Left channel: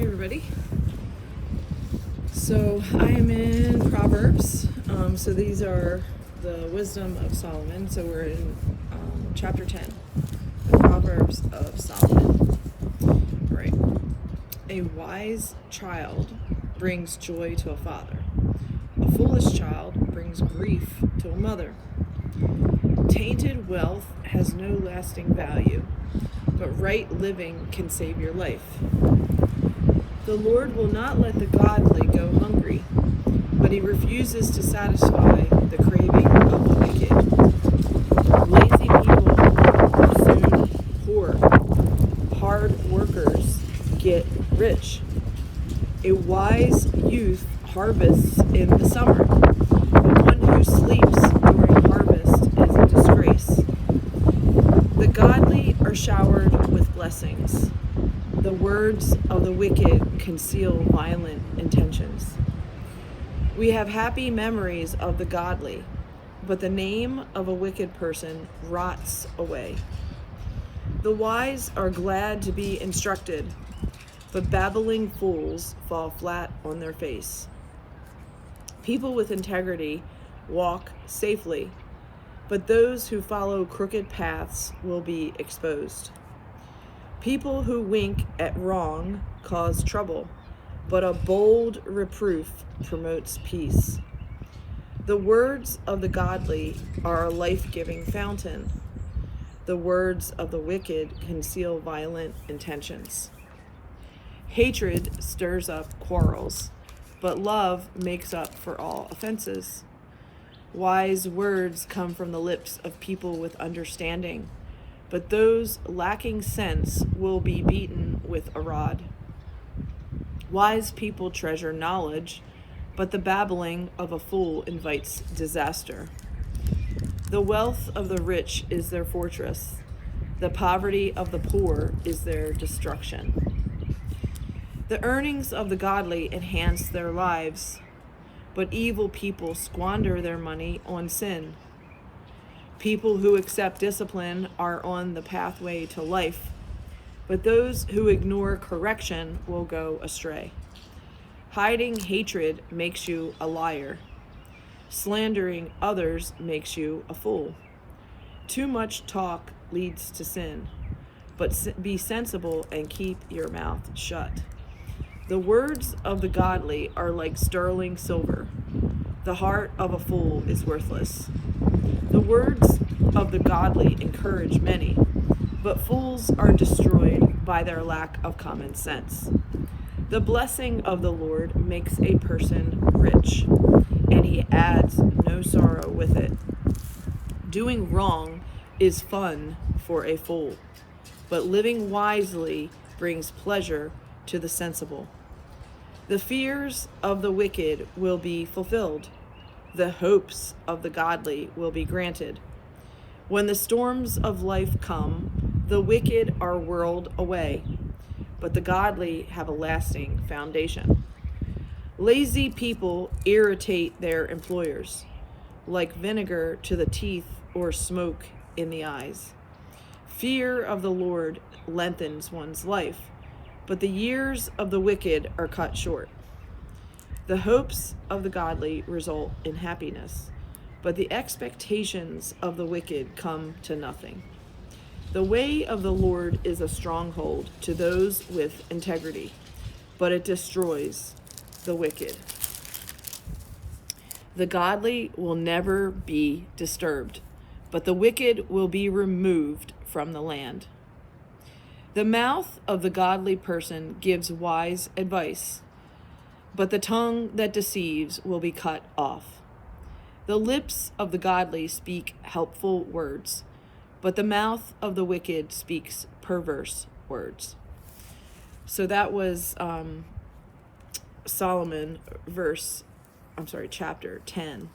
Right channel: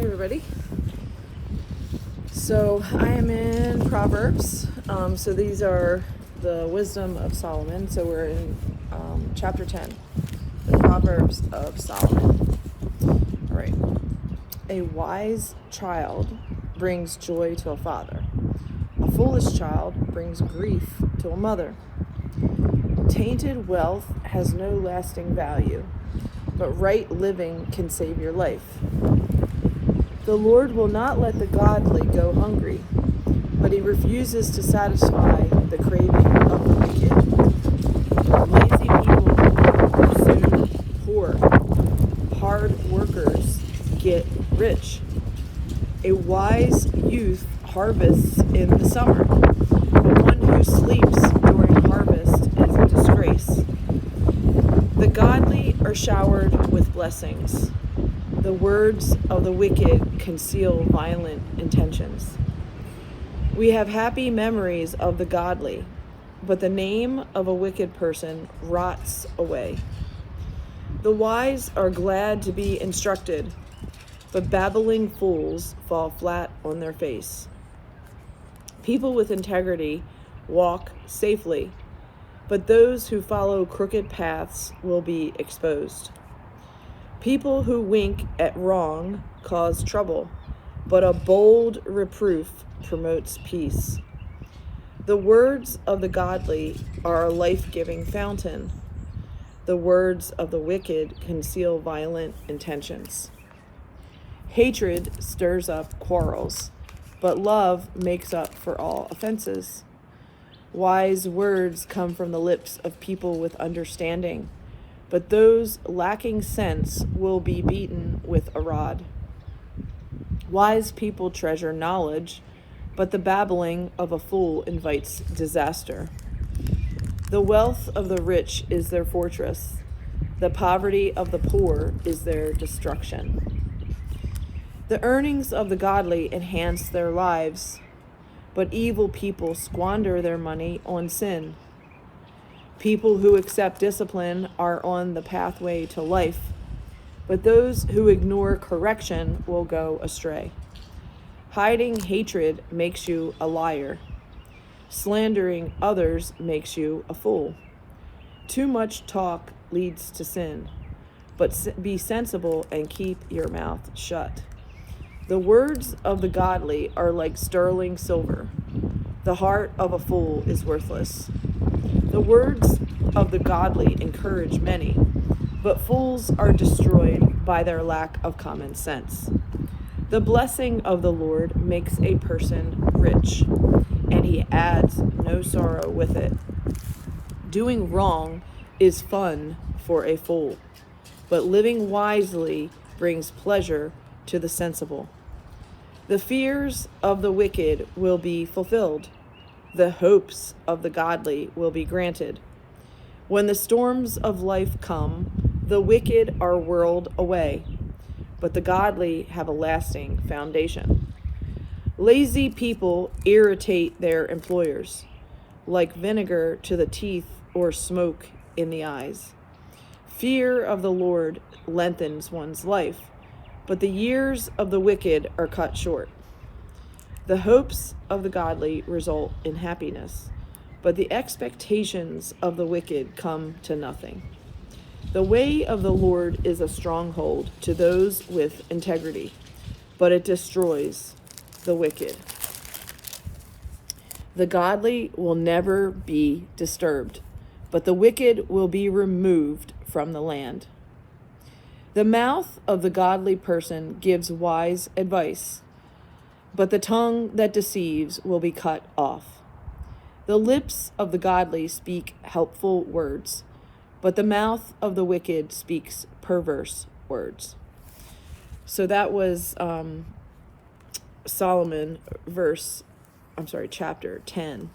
Hey everybody. So I am in Proverbs. So these are the wisdom of Solomon. So we're in chapter 10, the Proverbs of Solomon. All right. A wise child brings joy to a father. A foolish child brings grief to a mother. Tainted wealth has no lasting value, but right living can save your life. The Lord will not let the godly go hungry, but he refuses to satisfy the craving of the wicked. Lazy people are soon poor. Hard workers get rich. A wise youth harvests in the summer, but one who sleeps during harvest is a disgrace. The godly are showered with blessings. The words of the wicked conceal violent intentions. We have happy memories of the godly, but the name of a wicked person rots away. The wise are glad to be instructed, but babbling fools fall flat on their face. People with integrity walk safely, but those who follow crooked paths will be exposed. People who wink at wrong cause trouble, but a bold reproof promotes peace. The words of the godly are a life-giving fountain. The words of the wicked conceal violent intentions. Hatred stirs up quarrels, but love makes up for all offenses. Wise words come from the lips of people with understanding, but those lacking sense will be beaten with a rod. Wise people treasure knowledge, but the babbling of a fool invites disaster. The wealth of the rich is their fortress. The poverty of the poor is their destruction. The earnings of the godly enhance their lives, but evil people squander their money on sin. People who accept discipline are on the pathway to life, but those who ignore correction will go astray. Hiding hatred makes you a liar. Slandering others makes you a fool. Too much talk leads to sin, but be sensible and keep your mouth shut. The words of the godly are like sterling silver. The heart of a fool is worthless. The words of the godly encourage many, but fools are destroyed by their lack of common sense. The blessing of the Lord makes a person rich, and he adds no sorrow with it. Doing wrong is fun for a fool, but living wisely brings pleasure to the sensible. The fears of the wicked will be fulfilled. The hopes of the godly will be granted. When the storms of life come, the wicked are whirled away, but the godly have a lasting foundation. Lazy people irritate their employers, like vinegar to the teeth or smoke in the eyes. Fear of the Lord lengthens one's life, but the years of the wicked are cut short. The hopes of the godly result in happiness, but the expectations of the wicked come to nothing. The way of the Lord is a stronghold to those with integrity, but it destroys the wicked. The godly will never be disturbed, but the wicked will be removed from the land. The mouth of the godly person gives wise advice, but the tongue that deceives will be cut off. The lips of the godly speak helpful words, but the mouth of the wicked speaks perverse words. So that was Solomon chapter 10.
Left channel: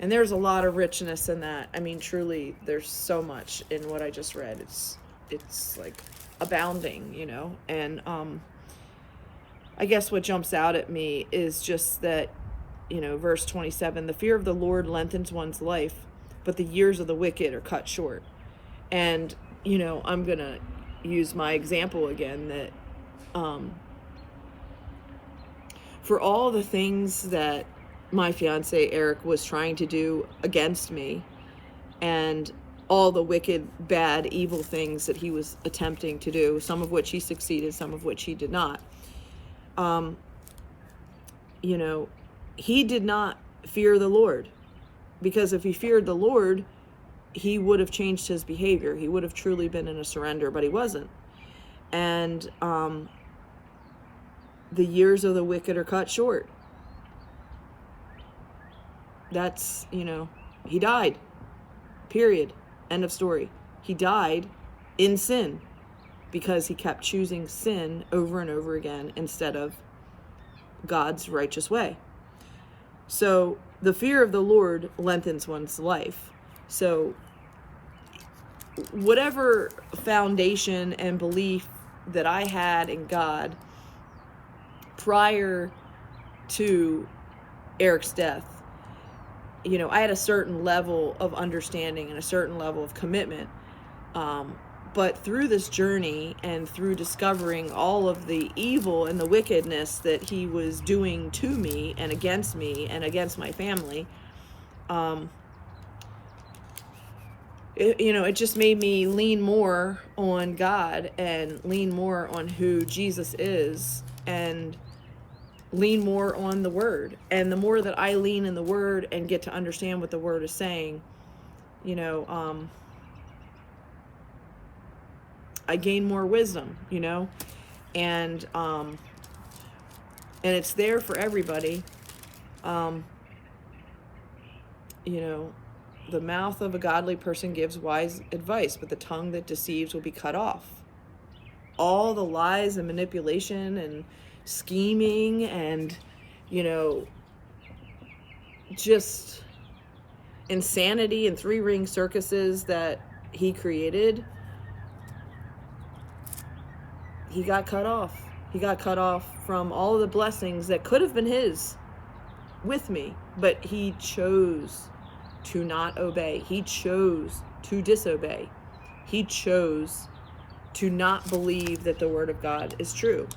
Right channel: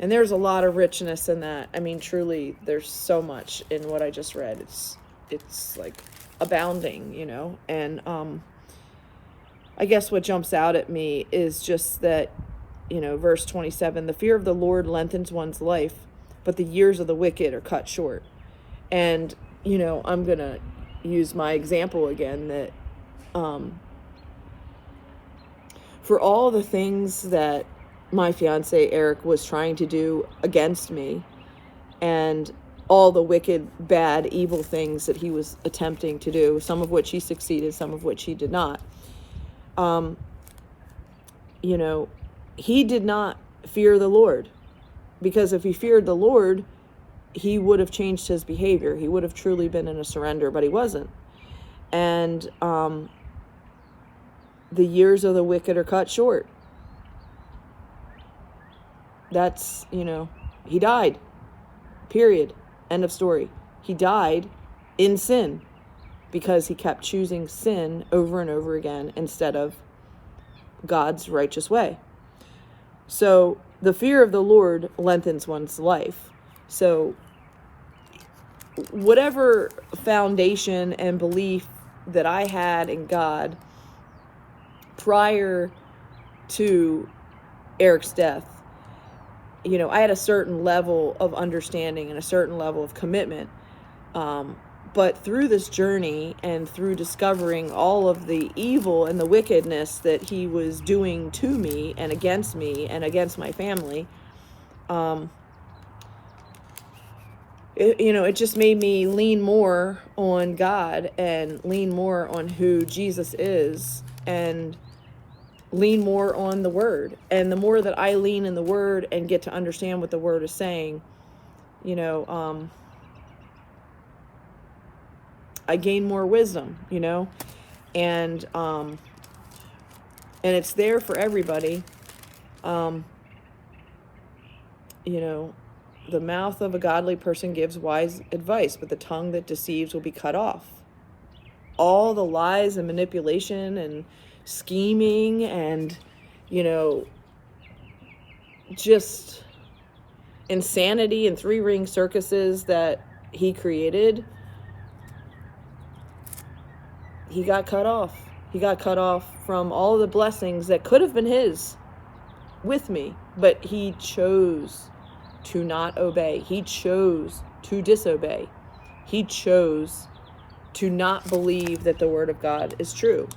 And there's a lot of richness in that. I mean, truly, there's so much in what I just read. It's like abounding, you know. And I guess what jumps out at me is just that, you know, verse 27, the fear of the Lord lengthens one's life, but the years of the wicked are cut short. And, you know, I'm going to use my example again that for all the things that my fiance Eric was trying to do against me, and all the wicked, bad, evil things that he was attempting to do, some of which he succeeded, some of which he did not. He did not fear the Lord, because if he feared the Lord, he would have changed his behavior. He would have truly been in a surrender, but he wasn't. And the years of the wicked are cut short. That's, he died. Period. End of story. He died in sin because he kept choosing sin over and over again instead of God's righteous way. So the fear of the Lord lengthens one's life. So whatever foundation and belief that I had in God prior to Eric's death, I had a certain level of understanding and a certain level of commitment. But through this journey and through discovering all of the evil and the wickedness that he was doing to me and against my family, it just made me lean more on God and lean more on who Jesus is and lean more on the Word. And the more that I lean in the Word and get to understand what the Word is saying, I gain more wisdom, and it's there for everybody. The mouth of a godly person gives wise advice, but the tongue that deceives will be cut off. All the lies and manipulation and scheming and, just insanity and three-ring circuses that he created, he got cut off. He got cut off from all the blessings that could have been his with me, but he chose to not obey. He chose to disobey. He chose to not believe that the Word of God is true.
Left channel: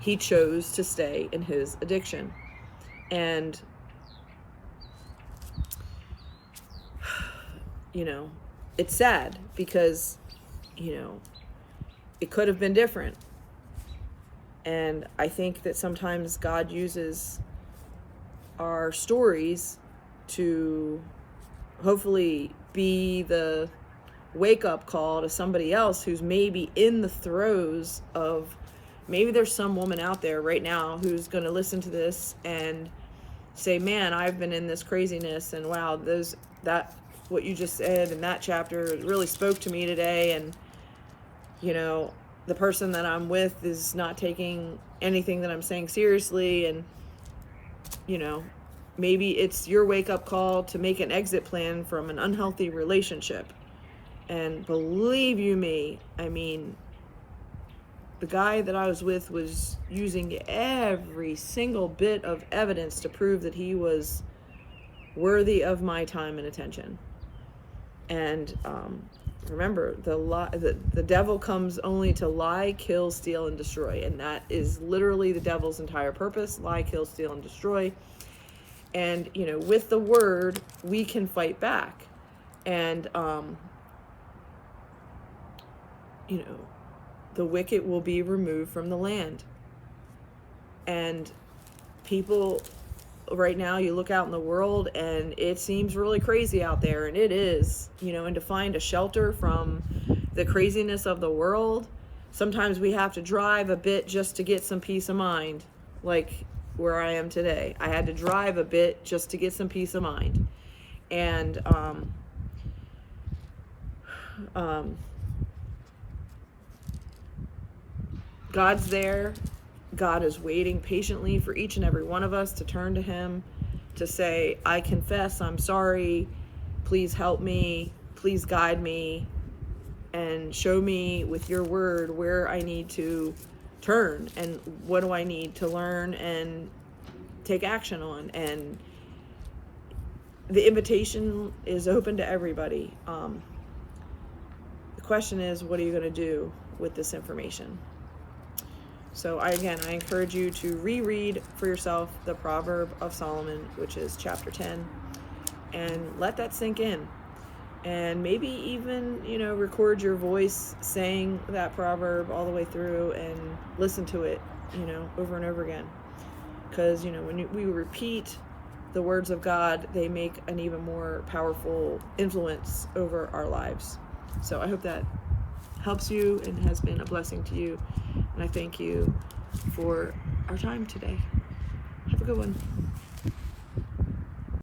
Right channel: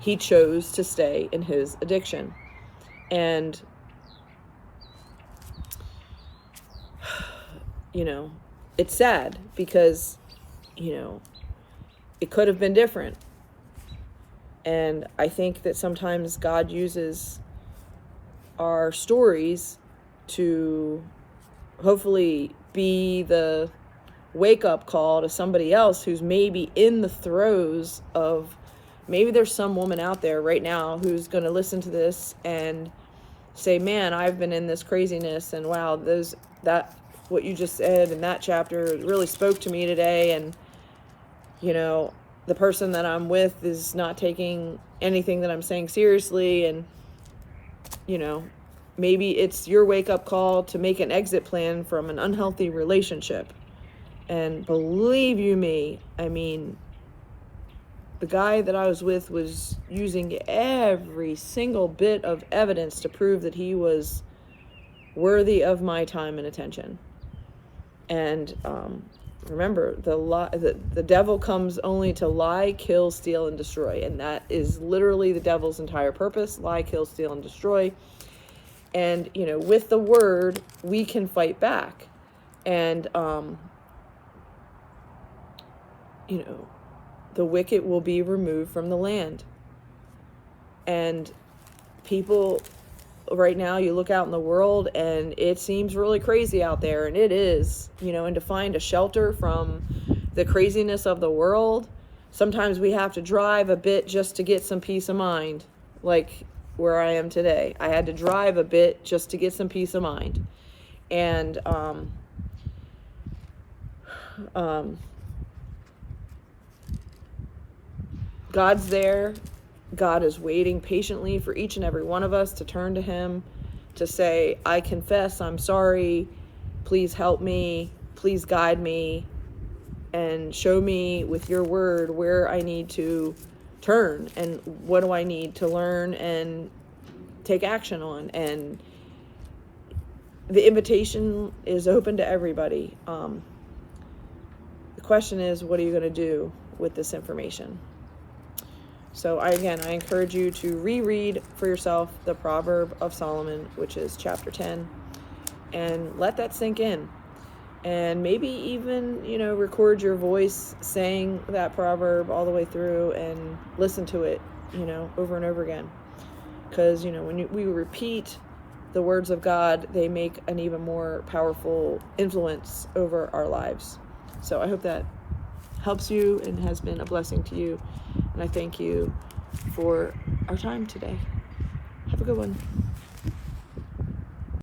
He chose to stay in his addiction. And, it's sad because, it could have been different. And I think that sometimes God uses our stories to hopefully be the wake-up call to somebody else who's maybe in the throes of, maybe there's some woman out there right now who's going to listen to this and say, man, I've been in this craziness, and wow, what you just said in that chapter, it really spoke to me today, and the person that I'm with is not taking anything that I'm saying seriously, and maybe it's your wake-up call to make an exit plan from an unhealthy relationship. And believe you me, the guy that I was with was using every single bit of evidence to prove that he was worthy of my time and attention. And remember, the devil comes only to lie, kill, steal, and destroy. And that is literally the devil's entire purpose: lie, kill, steal, and destroy. And, with the Word, we can fight back. And, the wicked will be removed from the land. And people right now, you look out in the world and it seems really crazy out there, and it is, and to find a shelter from the craziness of the world, sometimes we have to drive a bit just to get some peace of mind, like where I am today. I had to drive a bit just to get some peace of mind. And God's there. God is waiting patiently for each and every one of us to turn to Him, to say, I confess, I'm sorry, please help me, please guide me, and show me with your Word where I need to turn and what do I need to learn and take action on. And the invitation is open to everybody. The question is, what are you going to do with this information? So I encourage you to reread for yourself the Proverb of Solomon, which is chapter 10, and let that sink in. And maybe even, record your voice saying that proverb all the way through and listen to it, over and over again. Because, when we repeat the words of God, they make an even more powerful influence over our lives. So I hope that helps you and has been a blessing to you. And I thank you for our time today. Have a good one.